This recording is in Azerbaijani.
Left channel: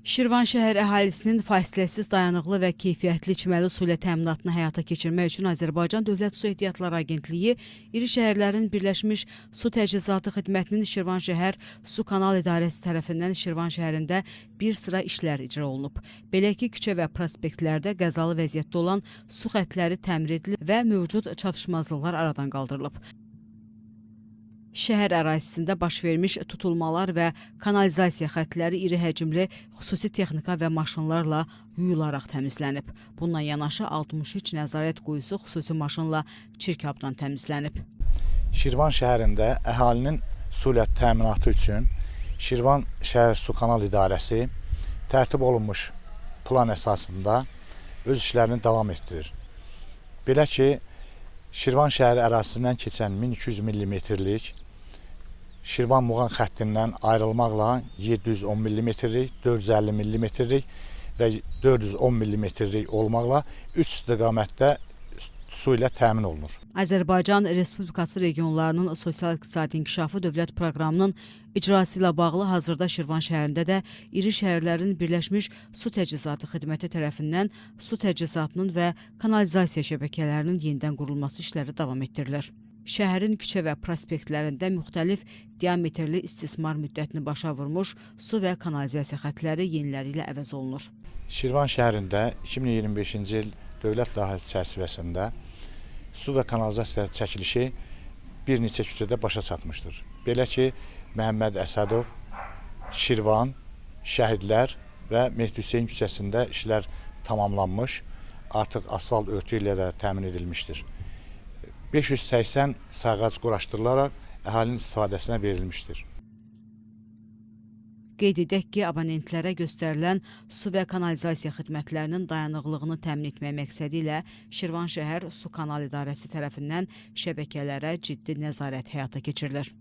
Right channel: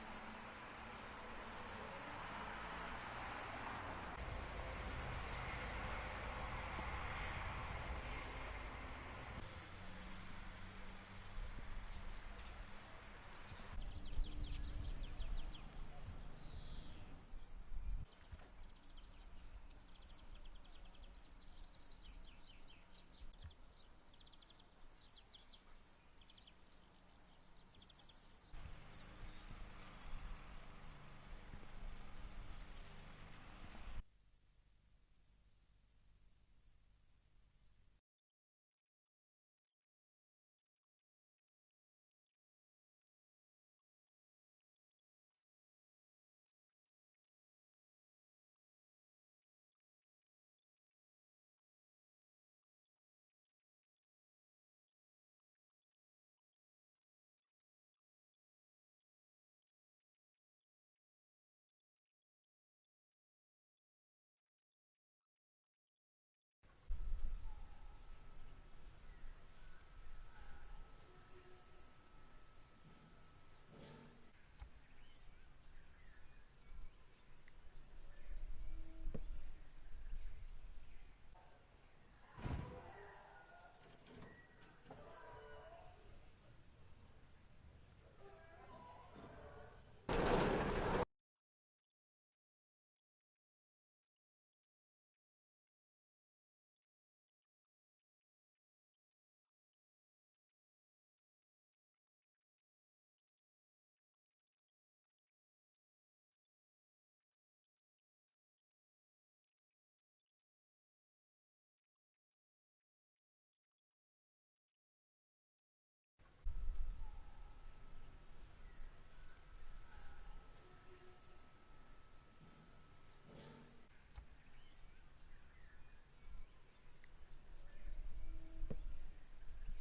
Şirvan şəhər əhalisinin fasiləsiz, dayanıqlı və keyfiyyətli içməli su ilə təminatını həyata keçirmək üçün Azərbaycan Dövlət Su Ehtiyatları Agentliyi iri şəhərlərin Birləşmiş Su Təchizatı Xidmətinin Şirvan şəhər Su Kanal İdarəsi tərəfindən Şirvan şəhərində bir sıra işlər icra olunub. Belə ki, küçə və prospektlərdə qəzalı vəziyyətdə olan su xəttləri təmir edilib və mövcud çatışmazlıqlar aradan qaldırılıb. Şəhər ərazisində baş vermiş tutulmalar və kanalizasiya xəttləri iri həcmli xüsusi texnika və maşınlarla yuyularaq təmizlənib. Bununla yanaşı 63 nəzarət quyusu xüsusi maşınla çirkabdan təmizlənib. Şirvan şəhərində əhalinin su ilə təminatı üçün Şirvan şəhər su kanal idarəsi tərtib olunmuş plan əsasında öz işlərini davam etdirir. Belə ki, Şirvan şəhəri ərazisindən keçən 1200 mm-lik Şirvan Muğan xəttindən ayrılmaqla 710 mm-lik, 450 mm-lik və 410 mm-lik olmaqla 3 istiqamətdə su ilə təmin olunur. Azərbaycan Respublikası regionlarının sosial-iqtisadi inkişafı dövlət proqramının icrası ilə bağlı hazırda Şirvan şəhərində də iri şəhərlərin Birləşmiş Su Təchizatı Xidməti tərəfindən su təchizatının və kanalizasiya şəbəkələrinin yenidən qurulması işləri davam etdirilir. Şəhərin küçə və prospektlərində müxtəlif diametrli istismar müddətini başa vurmuş su və kanalizasiya xəttləri yeniləri ilə əvəz olunur. Şirvan şəhərində 2025-ci il dövlət layihəsi çərçivəsində su və kanalizasiya çəkilişi bir neçə küçədə başa çatmışdır. Belə ki, Məhəmməd Əsədov, Şirvan, Şəhidlər və Mehdi Hüseyin küçəsində işlər tamamlanmış, artıq asfalt örtü ilə də təmin edilmişdir. 580 sağac quraşdırılaraq əhalinin istifadəsinə verilmişdir. Qeyd edək ki, abonentlərə göstərilən su və kanalizasiya xidmətlərinin dayanıqlığını təmin etmək məqsədi ilə Şirvan şəhər Su Kanal İdarəsi tərəfindən şəbəkələrə ciddi nəzarət həyata keçirilir.